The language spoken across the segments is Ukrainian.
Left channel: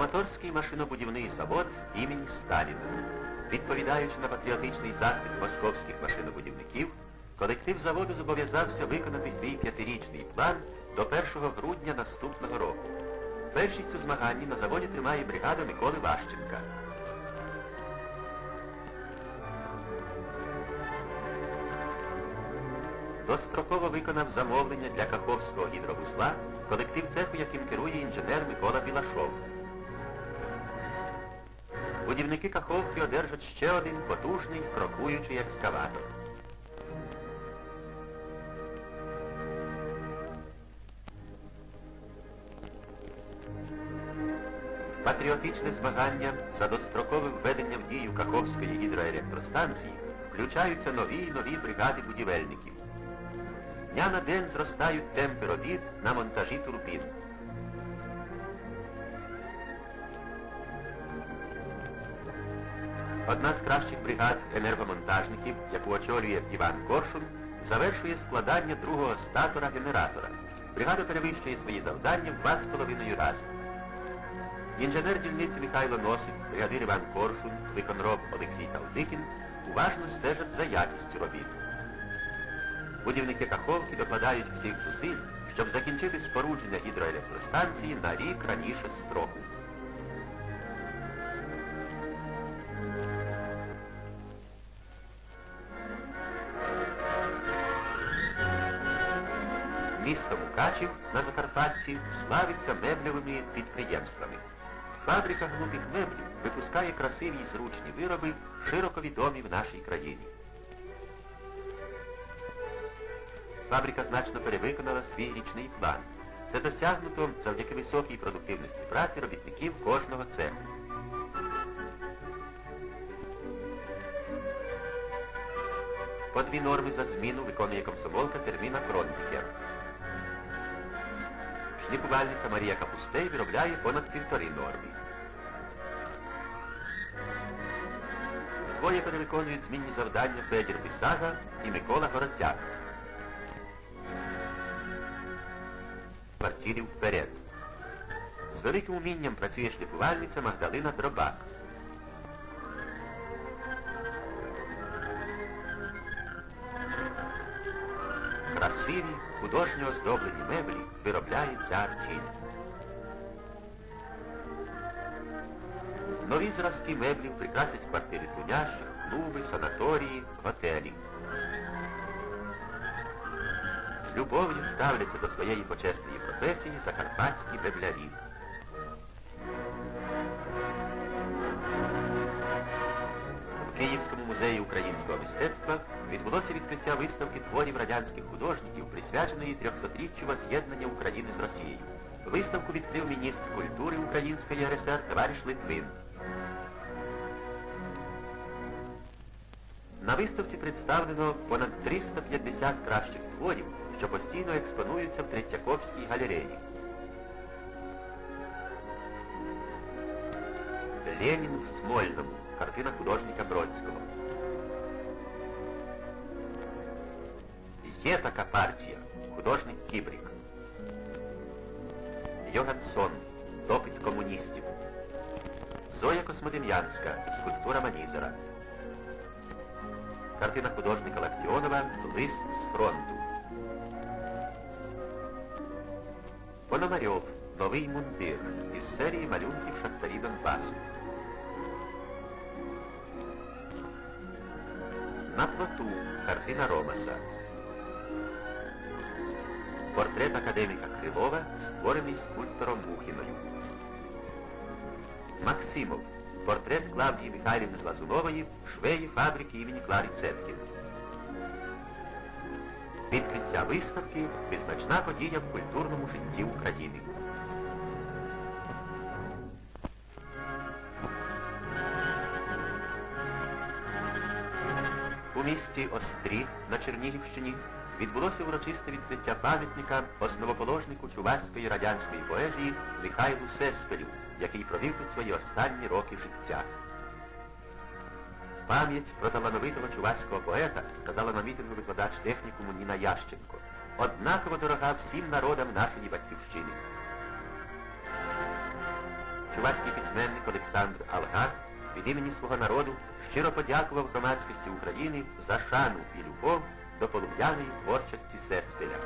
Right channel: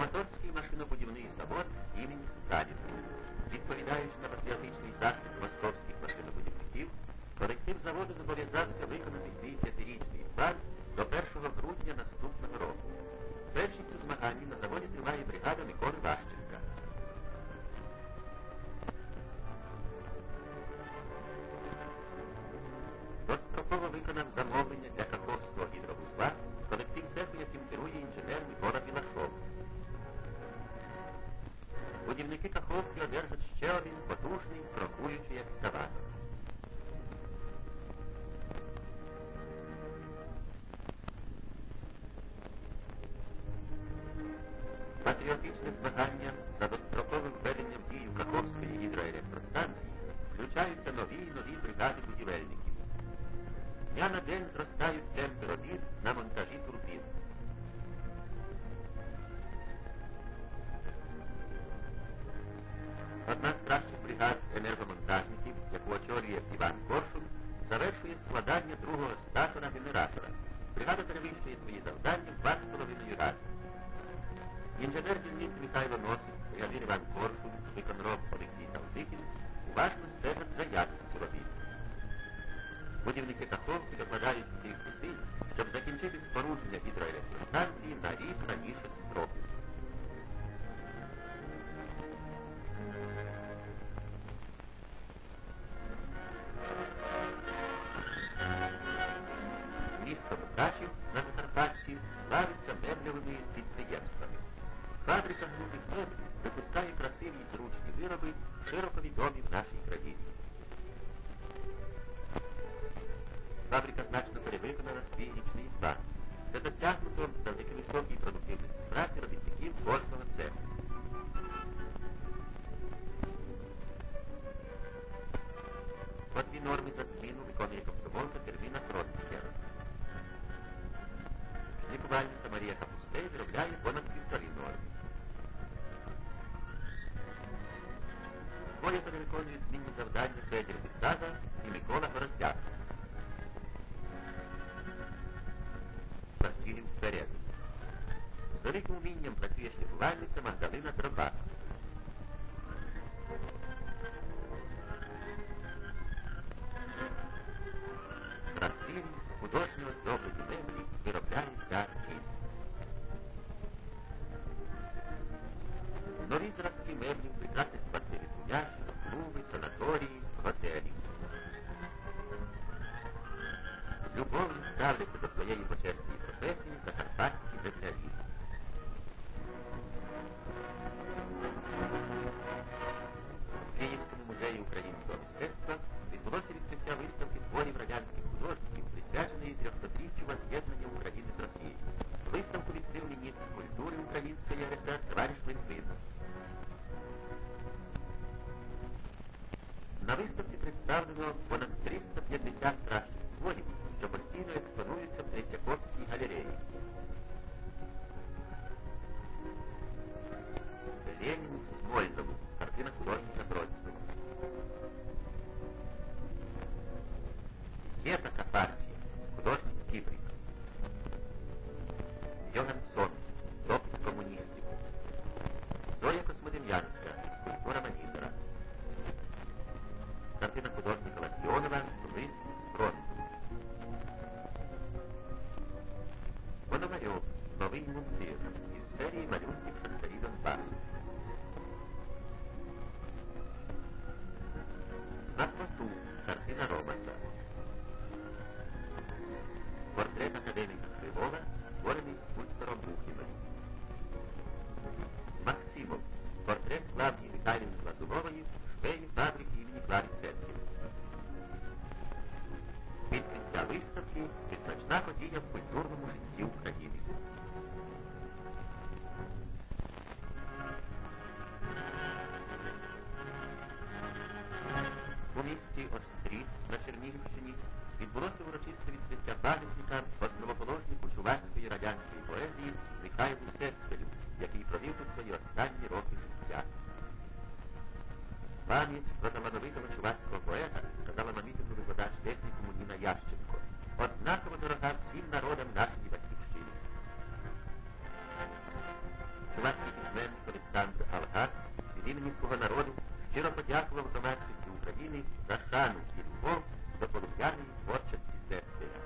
Краматорський машинобудівний завод імені Сталіна. Відповідаючи на патріотичний заклик московських машинобудівників, колектив заводу зобов'язався виконати свій п'ятирічний план до 1 грудня наступного року. Першість у змаганні на заводі тримає бригада Миколи Ващенка. Достроково виконав замовлення для Каховського гідровузла колектив цеху, яким керує інженер Микола Білашов. Будівники Каховки одержать ще один потужний крокуючий екскаватор. Патріотичне змагання за дострокове введення в дію Каховської гідроелектростанції включаються нові й нові бригади будівельників. З дня на день зростають темпи робіт на монтажі турбін. Одна з кращих бригад енергомонтажників, яку очолює Іван Коршун, завершує складання другого статора генератора. Бригада перевищує свої завдання в два з половиною рази. Інженер дільниці Михайло Носик, бригадир Іван Коршун, виконроб Олексій Талдикін уважно стежать за якістю робіт. Будівники Каховки докладають всіх зусиль, щоб закінчити спорудження гідроелектростанції на рік раніше строку. Місто Мукачів на Закарпатті славиться меблевими підприємствами. Фабрика глупих меблів випускає красиві й зручні вироби, широко відомі в нашій країні. Фабрика значно перевиконала свій річний план. Це досягнуто завдяки високій продуктивності праці робітників кожного цеху. По дві норми за зміну виконує комсомолка терміна Кронтікер. Шліфувальниця Марія Капустей виробляє понад півтори норми. Двоє перевиконують змінні завдання Федір Бисага і Микола Городяк. Квартирів вперед. З великим умінням працює шліфувальниця Магдалина Дробак. Красиві, художньо оздоблені меблі виробляє артіль. Нові зразки меблів прикрасять квартири трудящих, клуби, санаторії, готелі. З любов'ю ставляться до своєї почесної професії закарпатські меблярі. В музеї українського мистецтва відбулося відкриття виставки творів радянських художників, присвяченої 300-річчю воз'єднання України з Росією. Виставку відкрив міністр культури Української РСР товариш Литвин. На виставці представлено понад 350 кращих творів, що постійно експонуються в Третьяковській галереї. Ленін в Смольному. Картина художника Бродського. Є така. Художник Кібрик. Йогансон. Допит комуністів. Зоя Космодем'янська. Скульптура Манізера. Картина художника Лактіонова Лист з фронту. Пономарьов. Новий мундир із серії малюнків шахтарі Донбасу. На плоту картина Ромаса. Портрет академіка Кривова, створений скульптором Мухіною. Максимов. Портрет Клавдії Михайлівни Глазунової, швеї фабрики імені Клари Цеткін. Відкриття виставки визначна подія в культурному житті України. У місті Острі на Чернігівщині відбулося урочисте відкриття пам'ятника основоположнику чувашської радянської поезії Михайлу Сеспелю, який провів тут свої останні роки життя. Пам'ять про талановитого чувашського поета сказала на мітингу викладач технікуму Ніна Ященко. Однаково дорога всім народам нашої батьківщини. чувацький письменник Олександр Алгар від імені свого народу щиро подякував громадськості України за шану і любов до полум'яної творчості Сеспеля.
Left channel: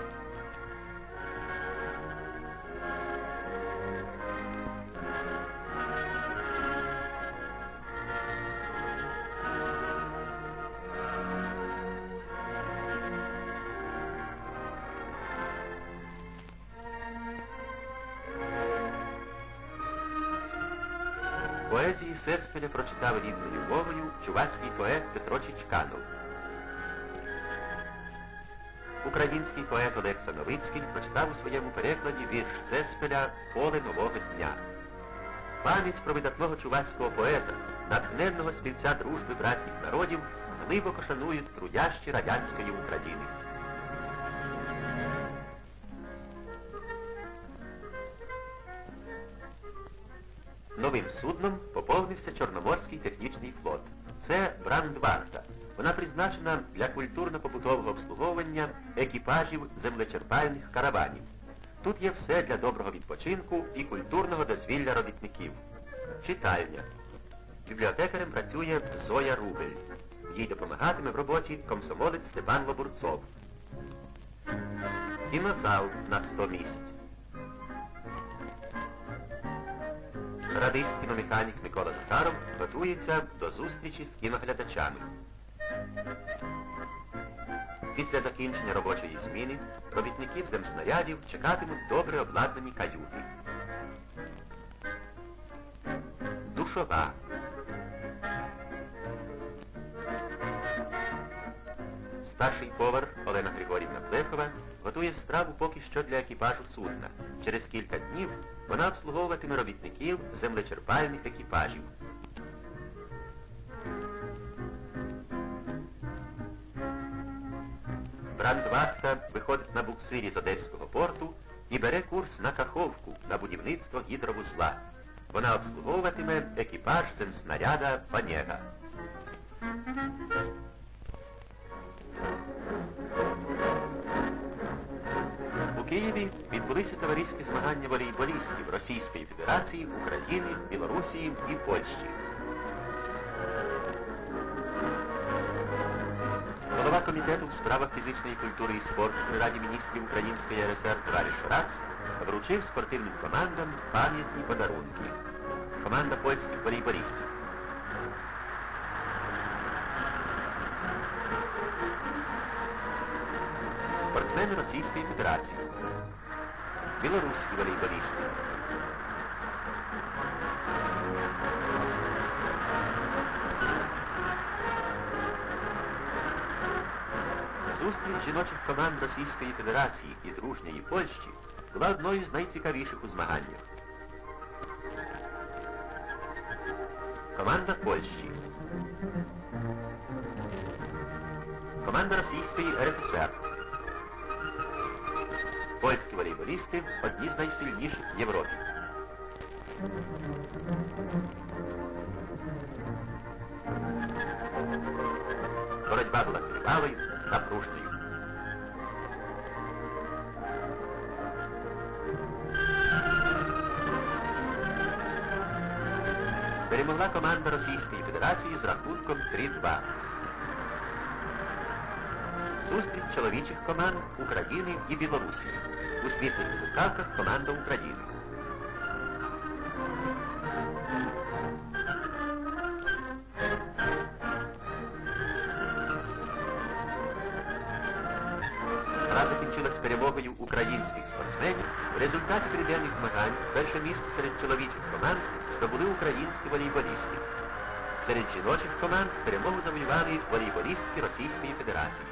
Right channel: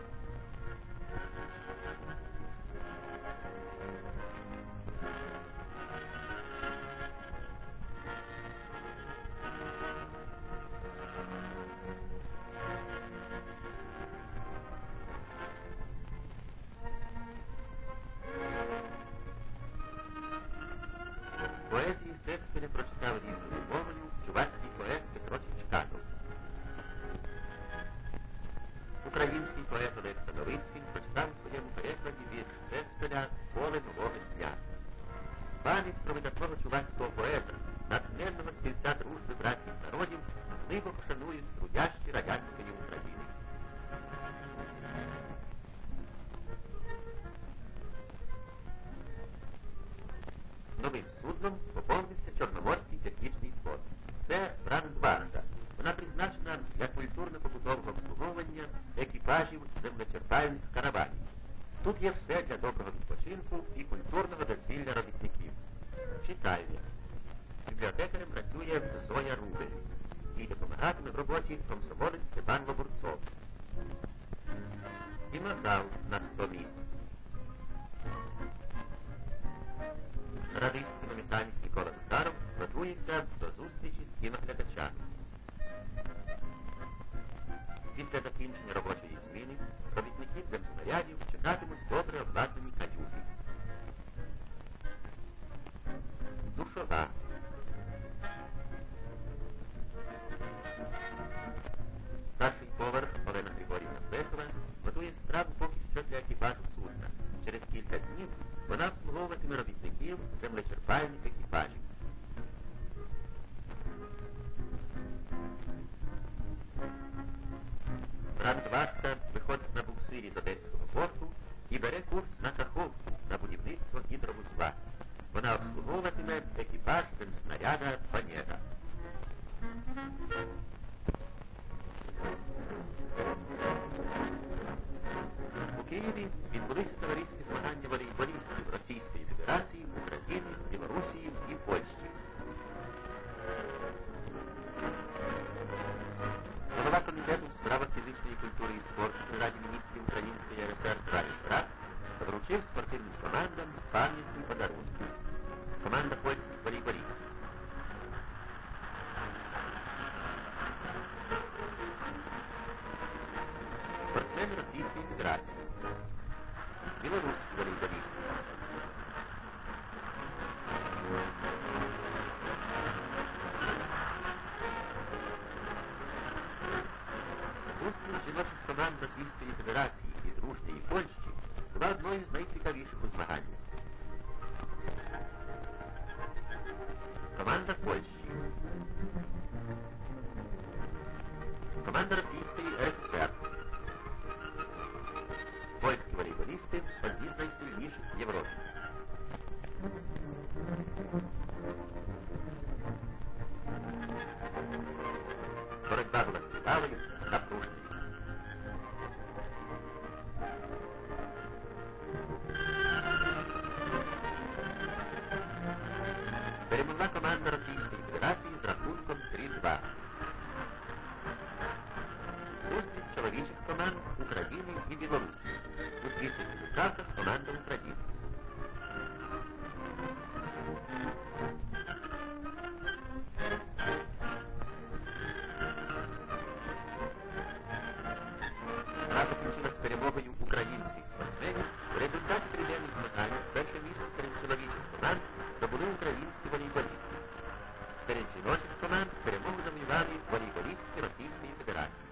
Поезії Сеспеля прочитав рідною мовою чувацький поет Петро Чичканов. Український поет Олекса Новицький прочитав у своєму перекладі вірш Сеспеля Поле нового дня. Пам'ять про видатного чувацького поета, натхненного співця дружби братніх народів, глибоко шанують трудящі радянської України. Новим судном поповнився Чорноморський технічний флот. Це Брандварта. Вона призначена для культурно-побутового обслуговування екіпажів землечерпальних караванів. Тут є все для доброго відпочинку і культурного дозвілля робітників. Читальня. Бібліотекарем працює Зоя Рубель. Їй допомагатиме в роботі комсомолець Степан Лобурцов. Кінозал на 100 місць. Радист кіномеханік Микола Захаров готується до зустрічі з кіноглядачами. Після закінчення робочої зміни робітників земснарядів чекатимуть добре обладнані каюти. Душова. Старший повар Олена Григорівна Плехова готує страву поки що для екіпажу судна. Через кілька днів вона обслуговуватиме робітників землечерпальних екіпажів. Брандвахта виходить на буксирі з Одеського порту і бере курс на Каховку на будівництво гідровузла. Вона обслуговуватиме екіпаж земснаряда Панєга. Відбулися товариські змагання волейболістів Російської Федерації, України, Білорусії і Польщі. Голова комітету в справах фізичної культури і спорту при Раді міністрів Української РСР Товариш Рац вручив спортивним командам пам'ятні подарунки. Команда польських волейболістів. Спортсмени Російської Федерації. Білоруські волейболісти. Зустріч жіночих команд Російської Федерації і дружньої Польщі була одною з найцікавіших у змаганнях. Команда Польщі. Команда Російської РФСР. Польські волейболісти одні з найсильніших в Європі. Боротьба була тривалою, напруженою. Перемогла команда Російської Федерації з рахунком 3-2. Зустріч чоловічих команд України і Білорусі. У світлих рукавках команда України. Гра закінчилась перемогою українських спортсменів. В результаті триденних змагань перше місце серед чоловічих команд здобули українські волейболісти. Серед жіночих команд перемогу завоювали волейболістки Російської Федерації.